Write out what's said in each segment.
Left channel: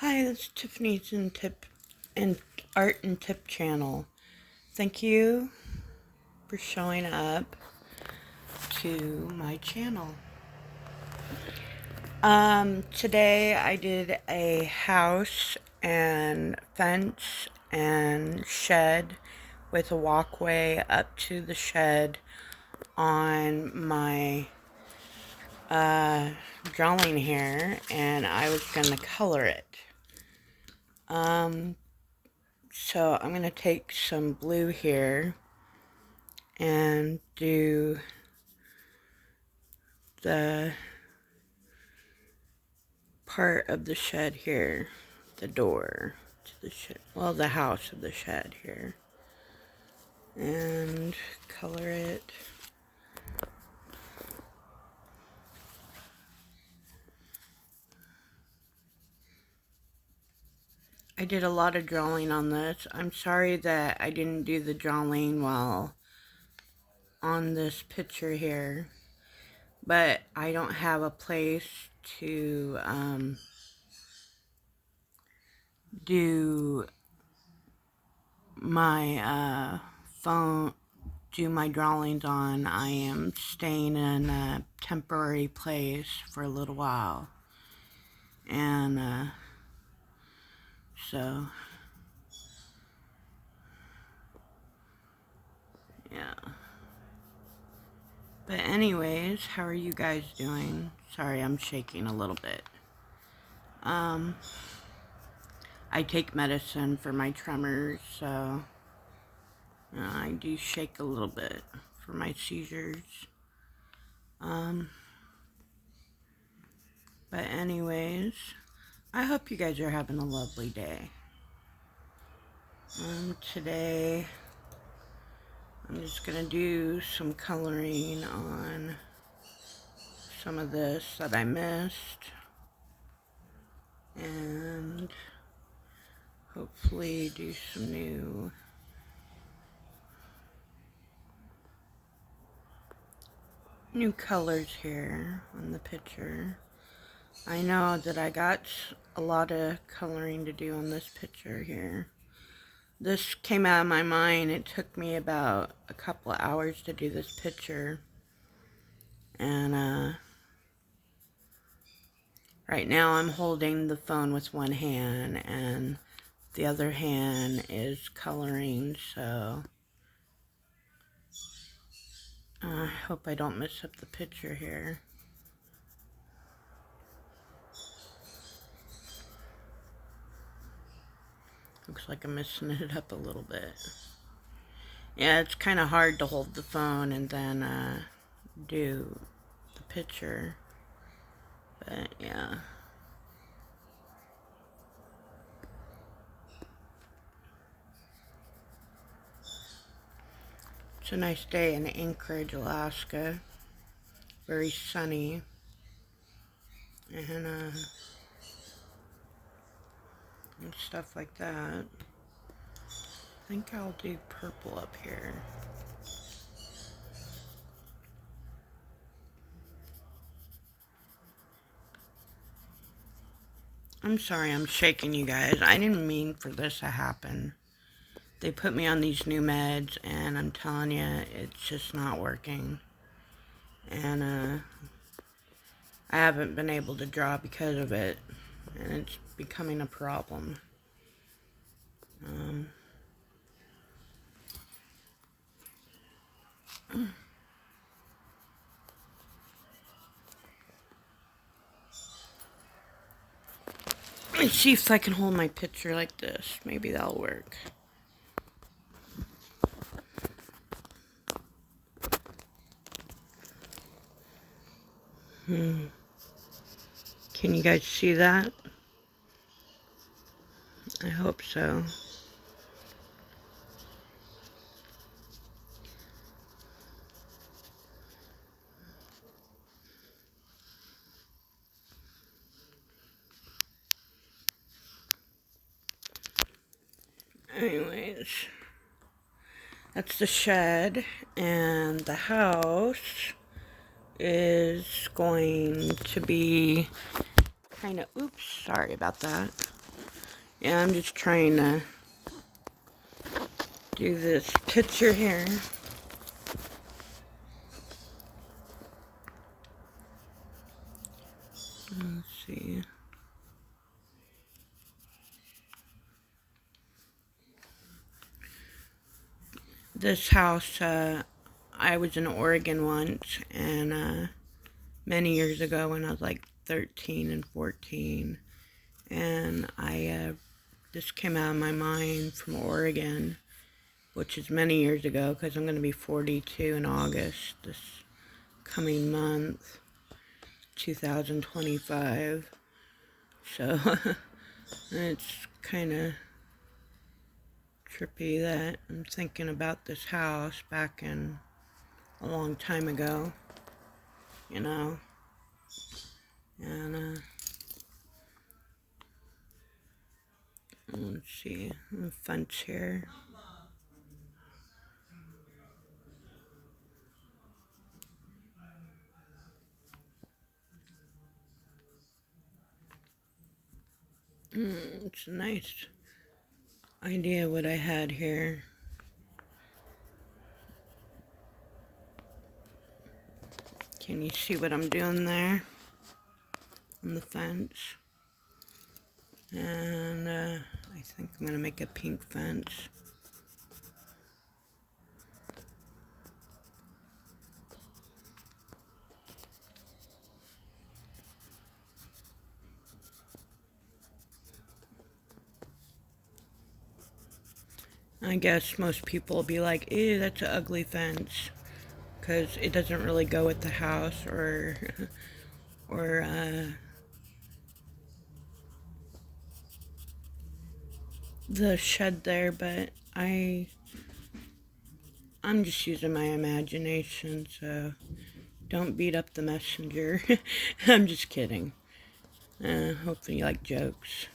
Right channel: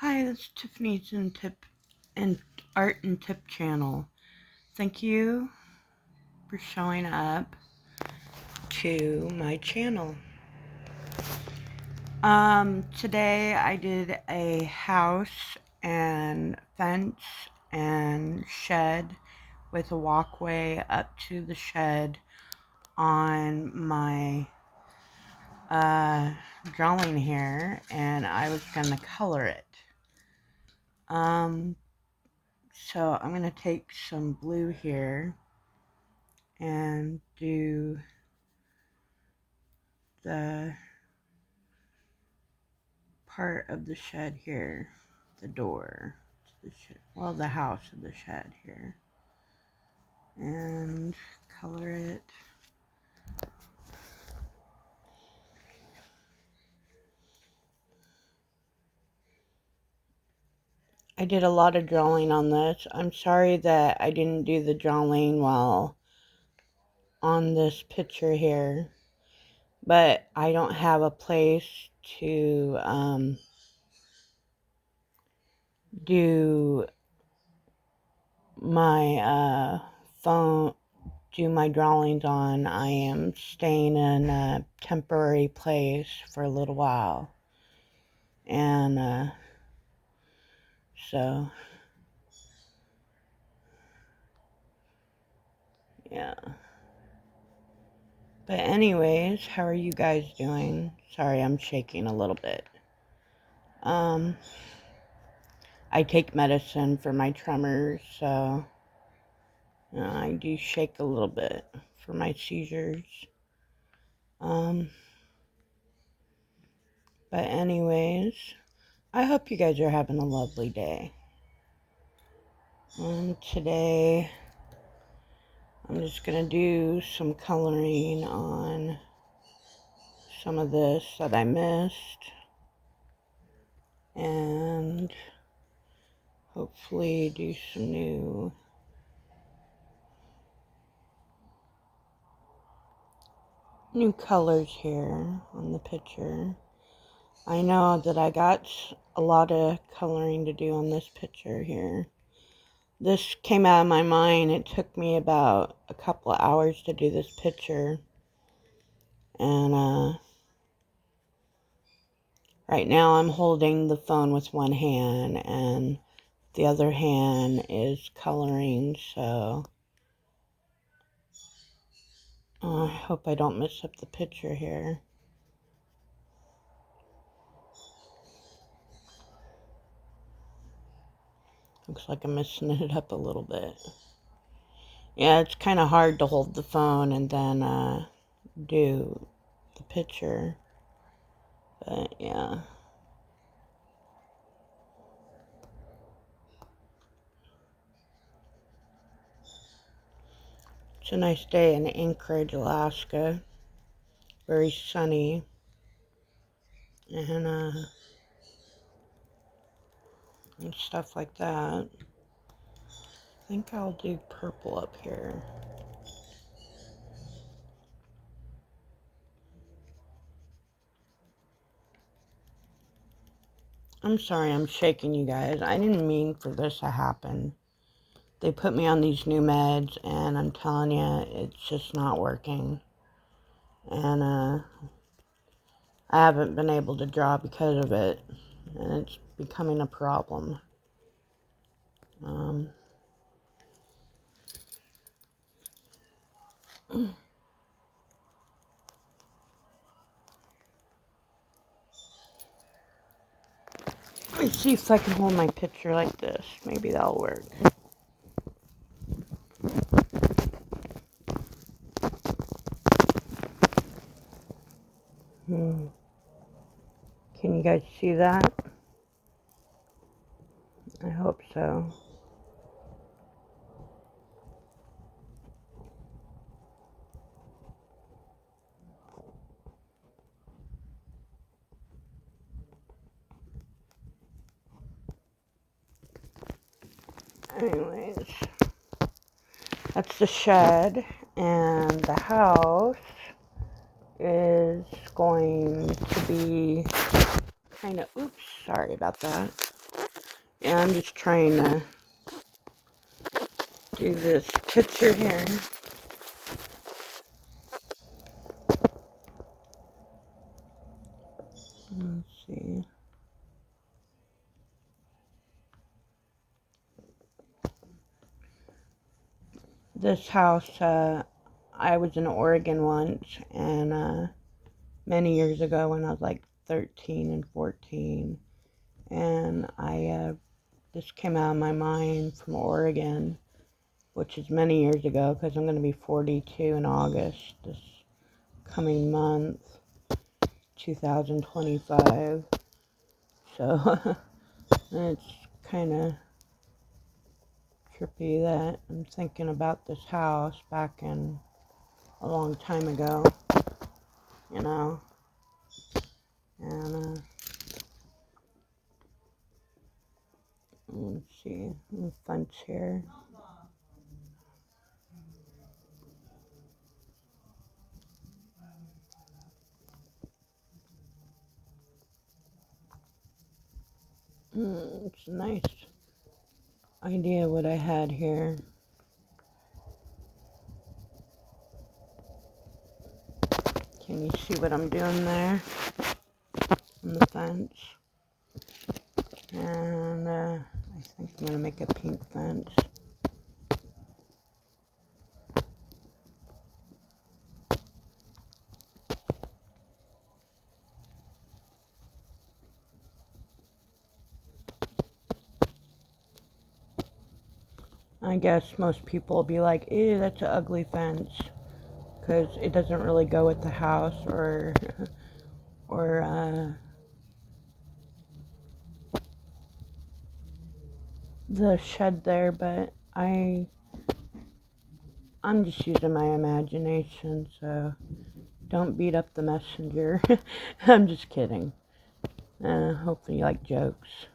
Hi, this is Tiffany's and Art and Tip channel. Thank you for showing up to my channel. Today I did a house and fence and shed with a walkway up to the shed on my drawing here, and I was gonna color it. So I'm going to take some blue here and do the part of the shed here, the door to the shed, well, the house of the shed here, and color it. I did a lot of drawing on this. I'm sorry that I didn't do the drawing while on this picture here, but I don't have a place to do my phone, do my drawings on. I am staying in a temporary place for a little while, and so yeah. But anyways, how are you guys doing? Sorry, I'm shaking a little bit. I take medicine for my tremors, so I do shake a little bit for my seizures. But anyways, I hope you guys are having a lovely day. Today, I'm just going to do some coloring on some of this that I missed. And hopefully do some new colors here on the picture. I know that I got a lot of coloring to do on this picture here. This came out of my mind. It took me about a couple of hours to do this picture. And right now I'm holding the phone with one hand and the other hand is coloring, so I hope I don't mess up the picture here. Looks like I'm messing it up a little bit. Yeah, it's kind of hard to hold the phone and then do the picture. But yeah. It's a nice day in Anchorage, Alaska. Very sunny. And stuff like that. I think I'll do purple up here. I'm sorry I'm shaking you guys. I didn't mean for this to happen. They put me on these new meds and I'm telling you, it's just not working. And I haven't been able to draw because of it. And it's becoming a problem. Let's see if I can hold my picture like this. Maybe that'll work. Can you guys see that? I hope so. Anyways, that's the shed, and the house is going to be kind of, oops, sorry about that. Yeah, I'm just trying to do this picture here. Let's see. This house, I was in Oregon once, and many years ago when I was like 13 and 14, and this came out of my mind from Oregon, which is many years ago because I'm going to be 42 in August this coming month, 2025. So it's kind of trippy that I'm thinking about this house back in a long time ago, you know, and let's see, the fence here. It's a nice idea what I had here. Can you see what I'm doing there on the fence? And I think I'm going to make a pink fence. I guess most people will be like, ew, that's an ugly fence, because it doesn't really go with the house or the shed there, but I'm just using my imagination, so don't beat up the messenger. I'm just kidding. Hopefully you like jokes.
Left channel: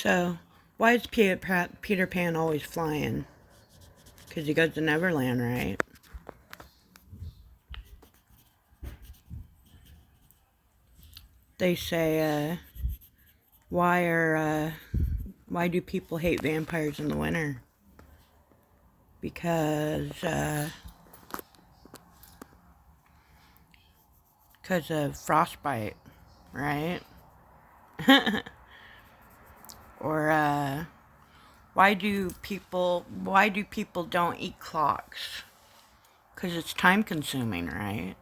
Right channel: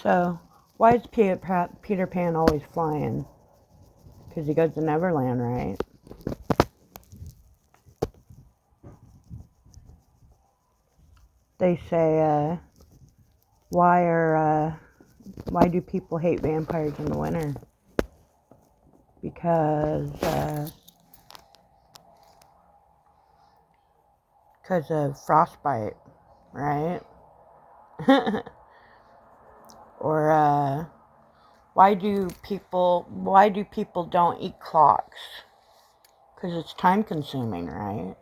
So, why is Peter Pan always flying? Because he goes to Neverland, right? They say, why do people hate vampires in the winter? Because of frostbite, right? Or why do people don't eat clocks? Because it's time consuming, right?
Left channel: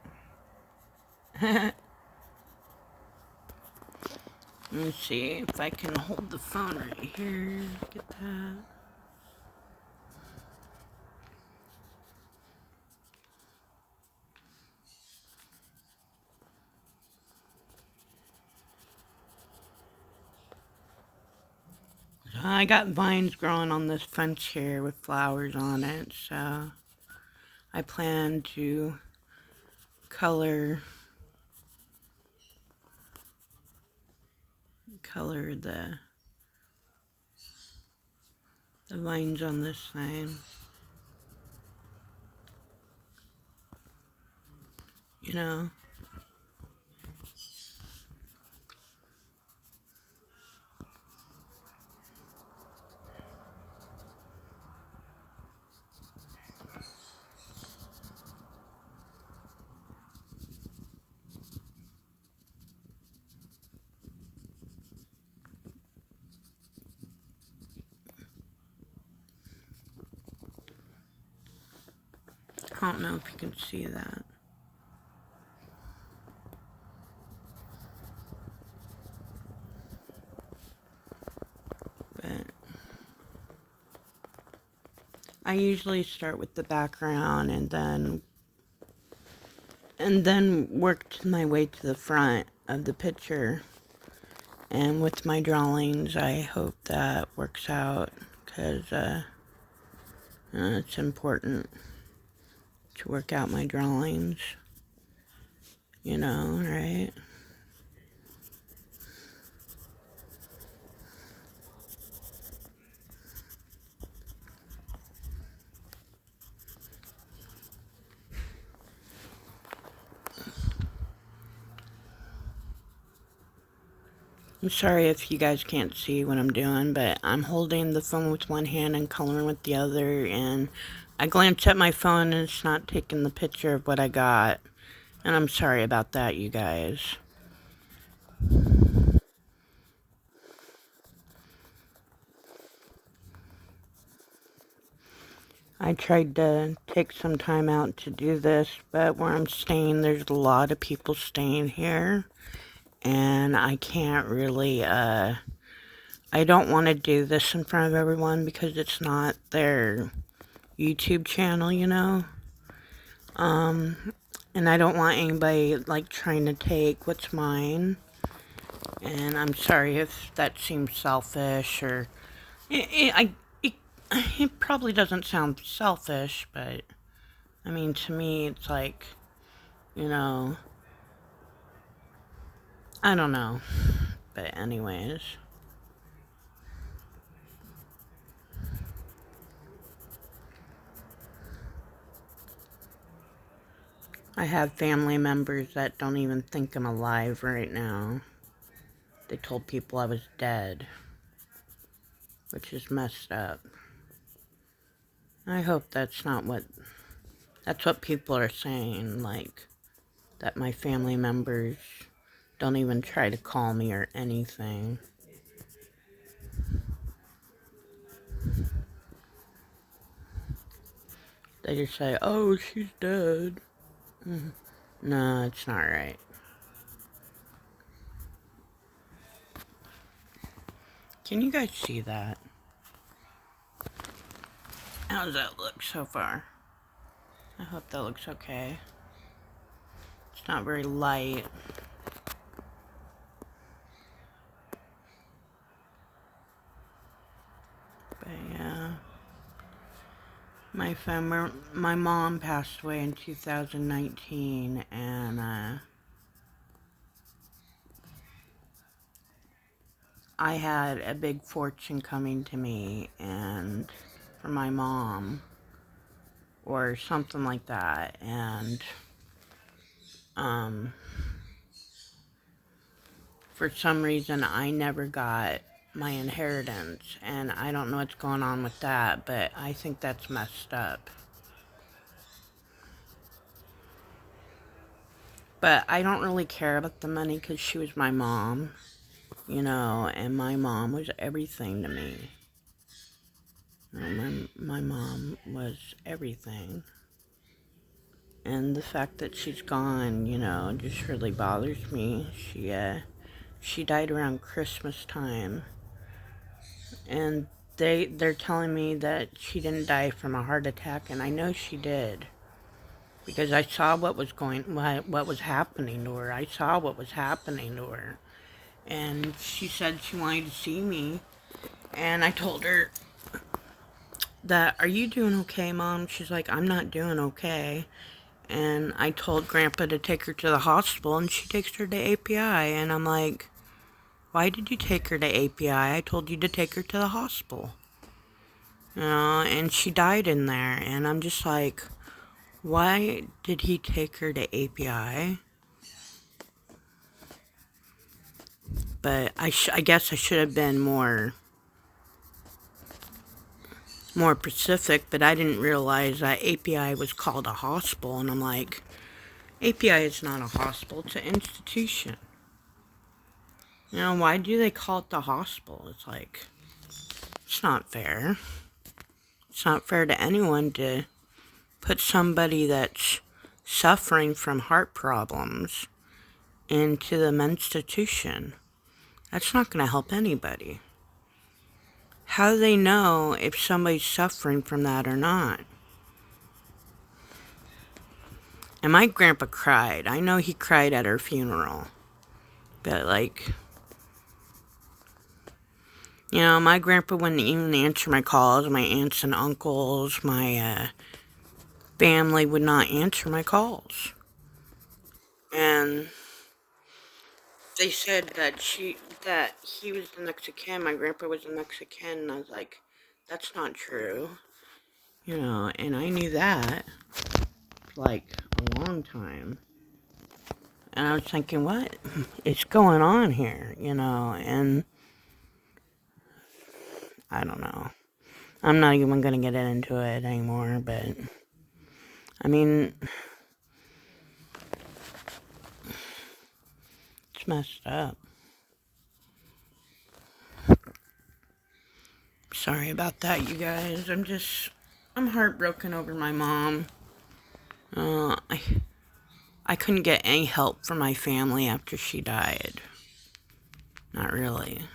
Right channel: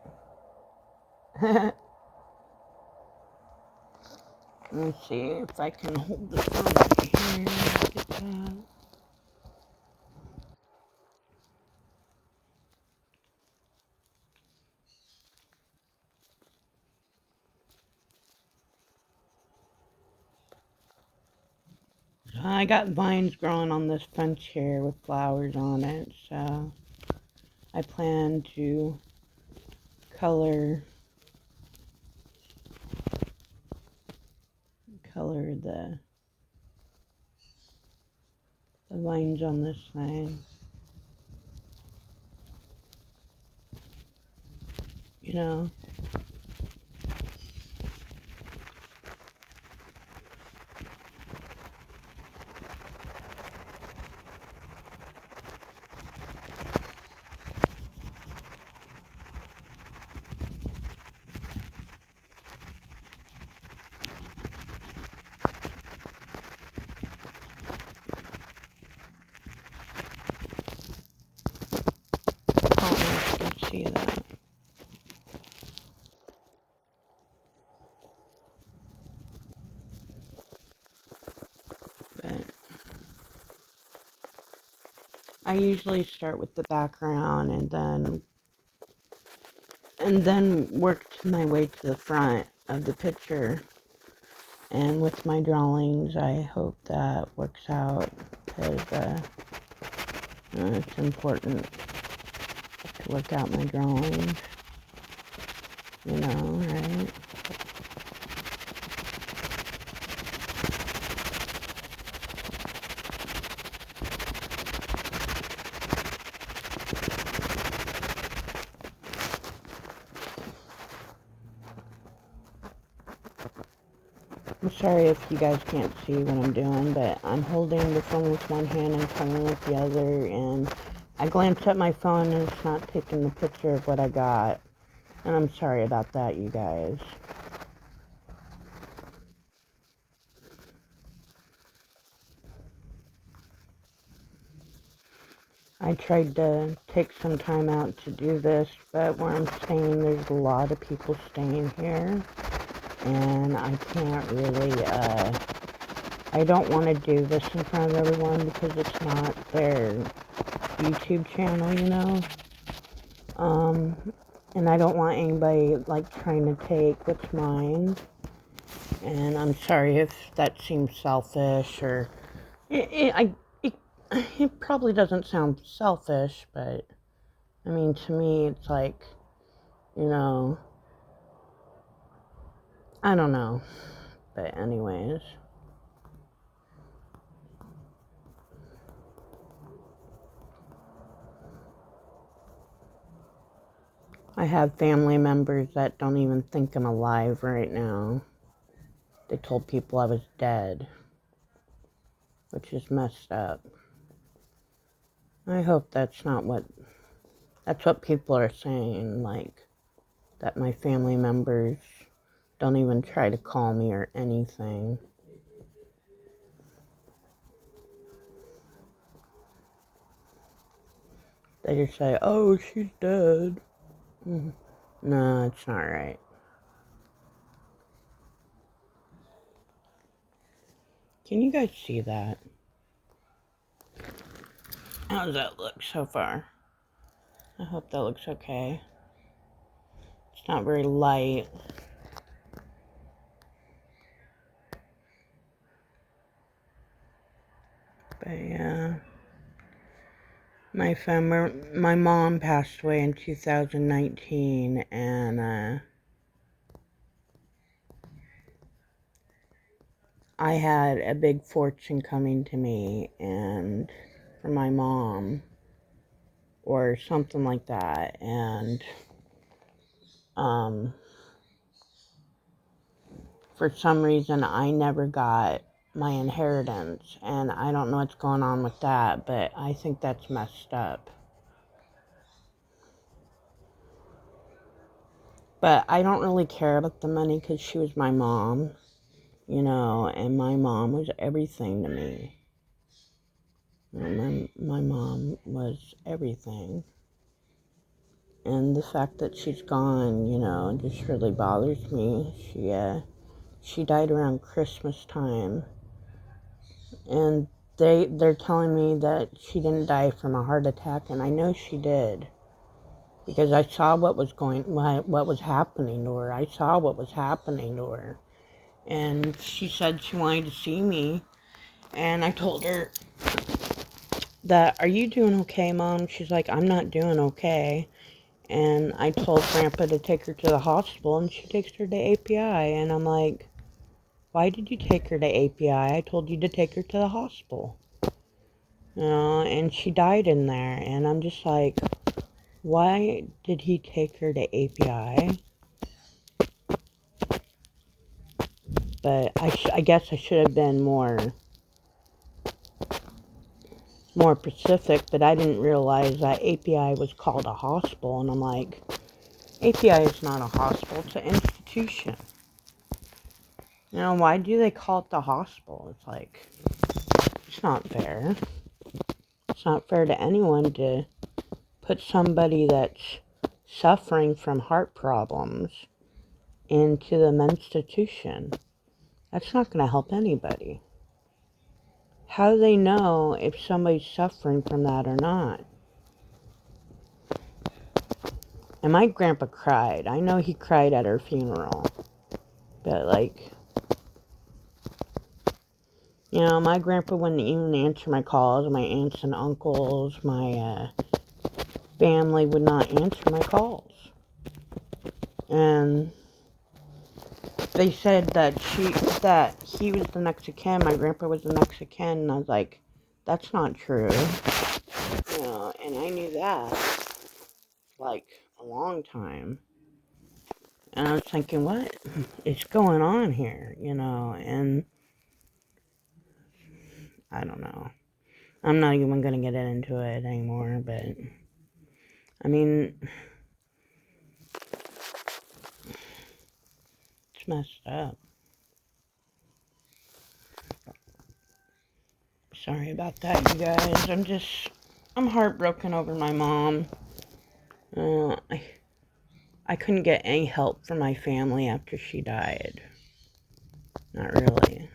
Let's see if I can hold the phone right here. Get that. I got vines growing on this fence here with flowers on it, so I plan to color the vines on this thing. You know. I don't know if you can see that. But I usually start with the background and then work my way to the front of the picture. And with my drawings, I hope that works out, because it's important to work out my drawings, you know, right? I'm sorry if you guys can't see what I'm doing, but I'm holding the phone with one hand and coloring with the other, and I glanced at my phone and it's not taking the picture of what I got. And I'm sorry about that, you guys. I tried to take some time out to do this, but where I'm staying, there's a lot of people staying here. And I can't really, I don't want to do this in front of everyone because it's not their YouTube channel, you know? And I don't want anybody, like, trying to take what's mine. And I'm sorry if that seems selfish, or... It probably doesn't sound selfish, but... I mean, to me, it's like, you know... I don't know. But anyways... I have family members that don't even think I'm alive right now. They told people I was dead, which is messed up. I hope that's not what... That's what people are saying, like, that my family members don't even try to call me or anything. They just say, oh, she's dead. No, it's not right. Can you guys see that? How does that look so far? I hope that looks okay. It's not very light. But yeah. My mom passed away in 2019, and I had a big fortune coming to me, and for my mom, or something like that, and for some reason I never got my inheritance, and I don't know what's going on with that, but I think that's messed up. But I don't really care about the money because she was my mom, you know, and my mom was everything to me. You know, my mom was everything. And the fact that she's gone, you know, just really bothers me. She died around Christmas time. And they're telling me that she didn't die from a heart attack, and I know she did. Because I saw what was happening to her. I saw what was happening to her. And she said she wanted to see me. And I told her that, are you doing okay, Mom? She's like, I'm not doing okay. And I told Grandpa to take her to the hospital, and she takes her to API. And I'm like, why did you take her to API? I told you to take her to the hospital. You know, and she died in there. And I'm just like, why did he take her to API? But I guess I should have been more specific, but I didn't realize that API was called a hospital. And I'm like, API is not a hospital, it's an institution. You know, why do they call it the hospital? It's like, it's not fair. It's not fair to anyone to put somebody that's suffering from heart problems into the institution. That's not going to help anybody. How do they know if somebody's suffering from that or not? And my grandpa cried. I know he cried at her funeral. But, like, you know, my grandpa wouldn't even answer my calls. My aunts and uncles, my family would not answer my calls. And they said that he was the next of kin. My grandpa was the next of kin. And I was like, that's not true. You know, and I knew that, like, a long time. And I was thinking, what is going on here, you know? And I don't know. I'm not even going to get into it anymore, but I mean, it's messed up. Sorry about that, you guys. I'm heartbroken over my mom. I couldn't get any help from my family after she died. Not really.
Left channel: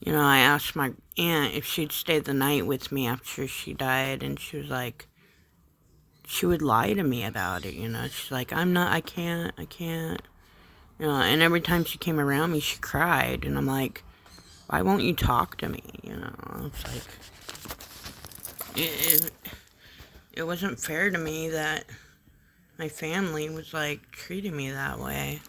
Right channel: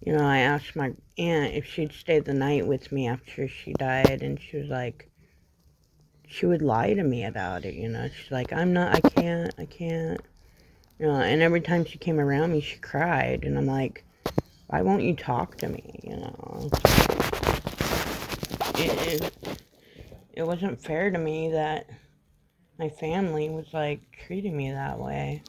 You know, I asked my aunt if she'd stay the night with me after she died, and she was like, she would lie to me about it, you know. She's like, I can't. You know, and every time she came around me, she cried, and I'm like, why won't you talk to me, you know? It wasn't fair to me that my family was, like, treating me that way.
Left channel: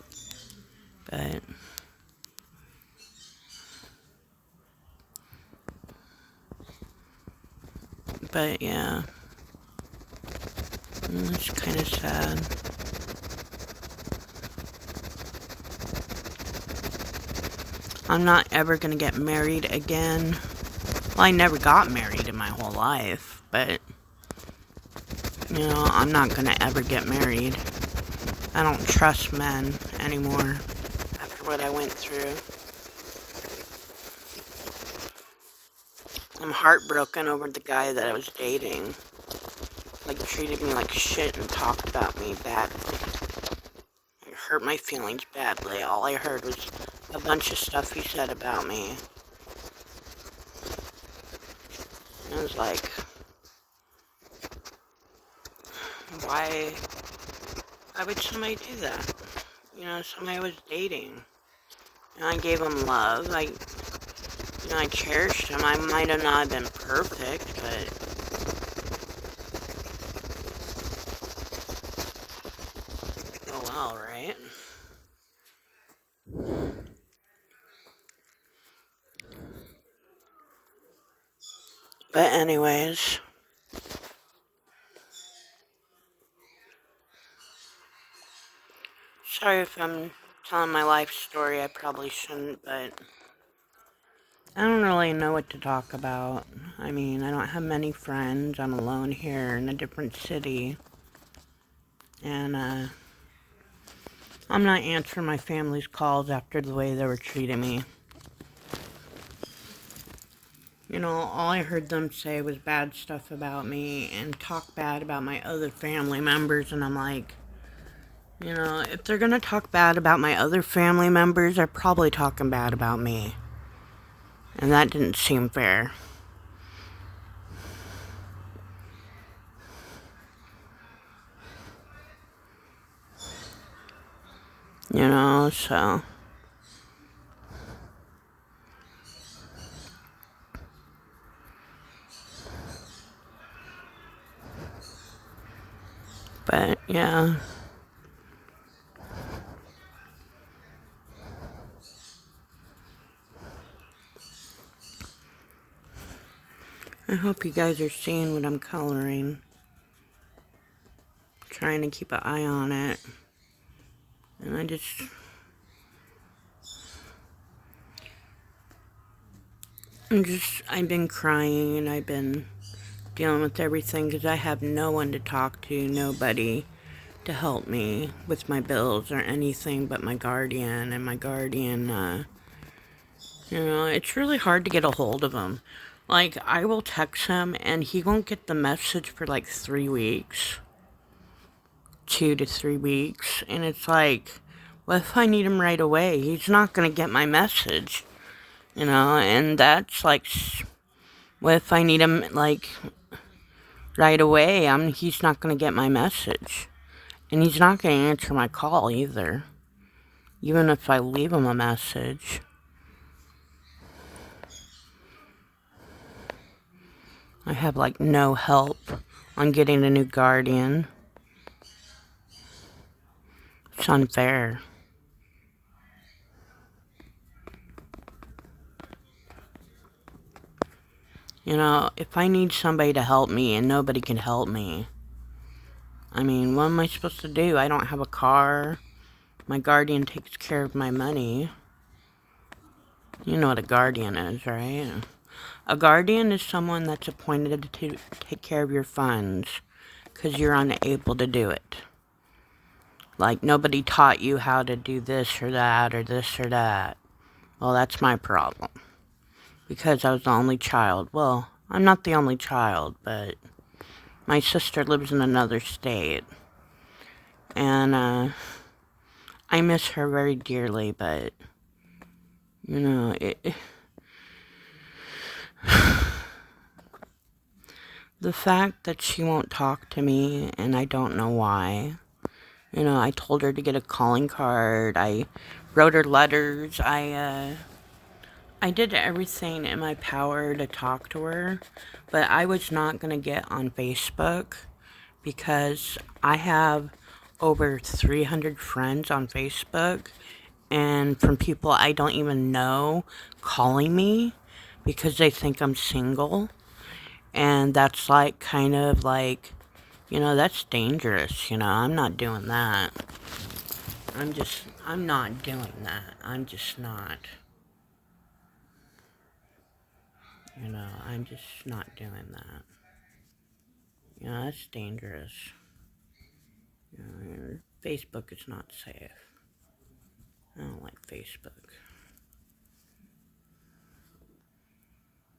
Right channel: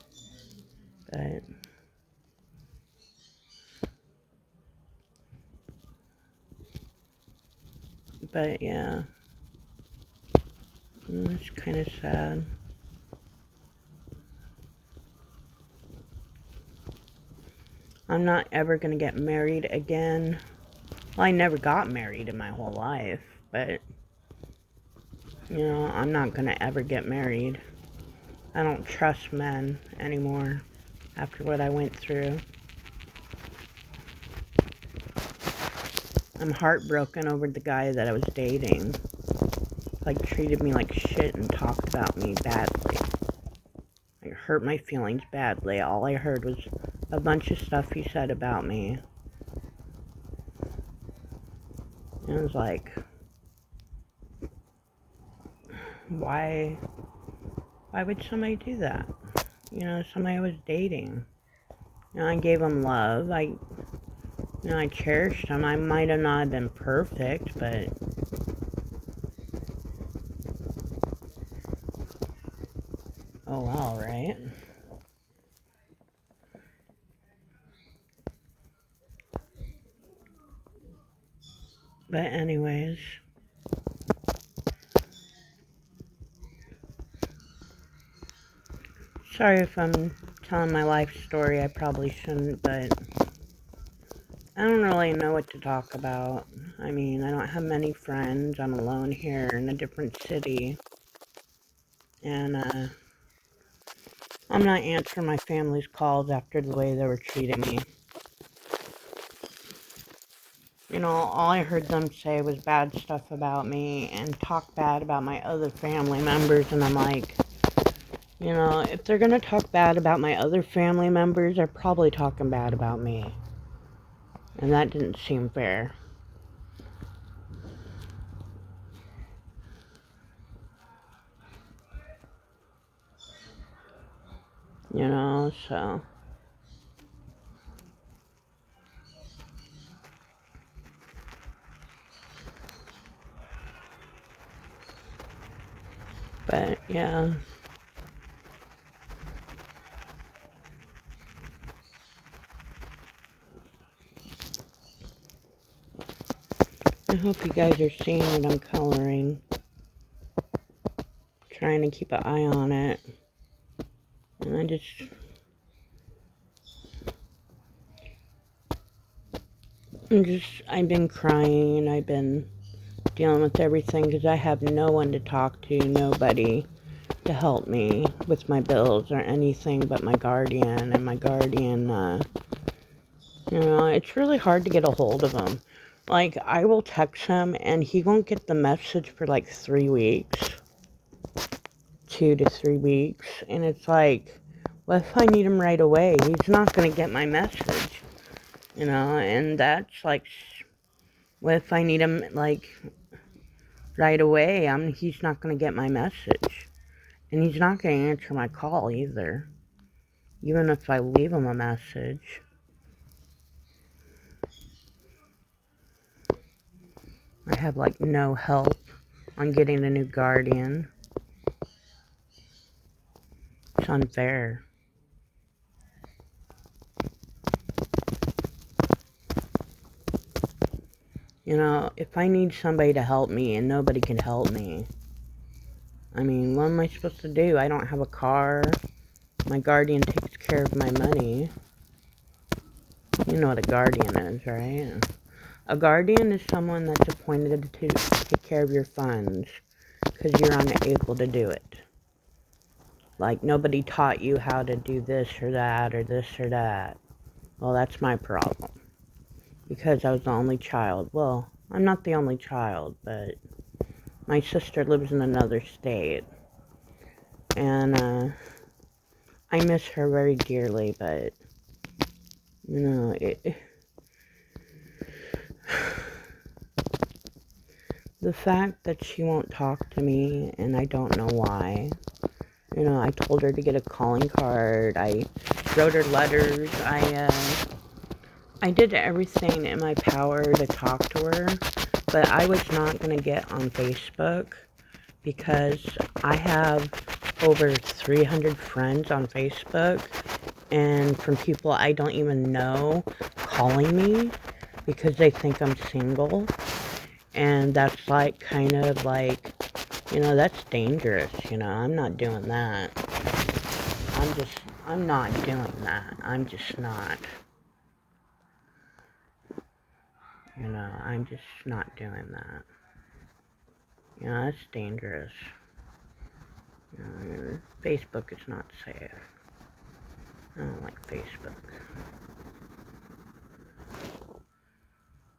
But yeah. It's kind of sad. I'm not ever gonna get married again. Well, I never got married in my whole life, but, you know, I'm not gonna ever get married. I don't trust men anymore after what I went through. I'm heartbroken over the guy that I was dating. Like, treated me like shit and talked about me badly. It hurt my feelings badly. All I heard was a bunch of stuff he said about me. And it was like, why would somebody do that? You know, somebody I was dating. You know, I gave him love. I cherished him. I might have not been perfect, but oh well, right? But anyways, sorry if I'm telling my life story. I probably shouldn't, but I don't really know what to talk about. I mean, I don't have many friends. I'm alone here in a different city. And, I'm not answering my family's calls after the way they were treating me. You know, all I heard them say was bad stuff about me and talk bad about my other family members, and I'm like, you know, if they're gonna talk bad about my other family members, they're probably talking bad about me. And that didn't seem fair. You know, so. But, yeah. I hope you guys are seeing what I'm coloring. Trying to keep an eye on it. And I've been crying and I've been dealing with everything because I have no one to talk to, nobody to help me with my bills or anything but my guardian. And my guardian, you know, it's really hard to get a hold of him. Like, I will text him and he won't get the message for like 3 weeks. 2 to 3 weeks. And it's like, what if I need him right away? He's not going to get my message. You know, and that's like, what if I need him, like, right away? He's not going to get my message. And he's not going to answer my call either. Even if I leave him a message. I have, like, no help on getting a new guardian. It's unfair. You know, if I need somebody to help me and nobody can help me, I mean, what am I supposed to do? I don't have a car. My guardian takes care of my money. You know what a guardian is, right? A guardian is someone that's appointed to take care of your funds because you're unable to do it. Like, nobody taught you how to do this or that or this or that. Well, that's my problem. Because I was the only child. Well, I'm not the only child, but my sister lives in another state. And, I miss her very dearly, but, you know, the fact that she won't talk to me, and I don't know why. You know, I told her to get a calling card. I wrote her letters. I did everything in my power to talk to her, but I was not going to get on Facebook because I have over 300 friends on Facebook, and from people I don't even know calling me because they think I'm single, and that's like kind of like, you know, that's dangerous, you know. I'm not doing that. I'm not doing that. I'm just not. You know, I'm just not doing that. You know, that's dangerous. You know, Facebook is not safe. I don't like Facebook.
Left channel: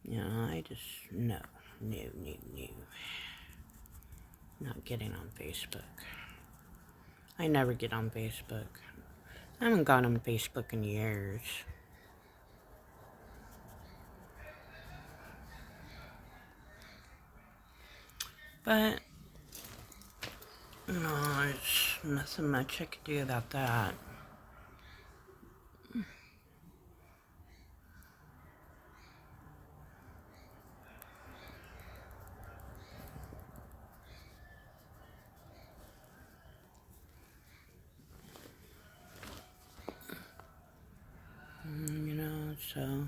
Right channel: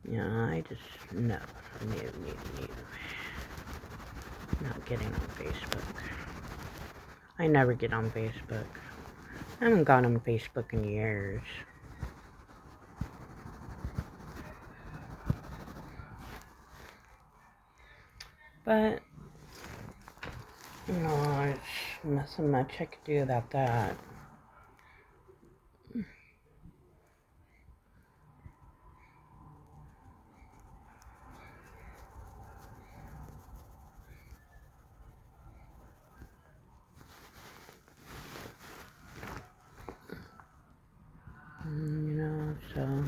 You know, I just, no. Not getting on Facebook. I never get on Facebook. I haven't gone on Facebook in years. But, you know, there's nothing much I could do about that. You know, so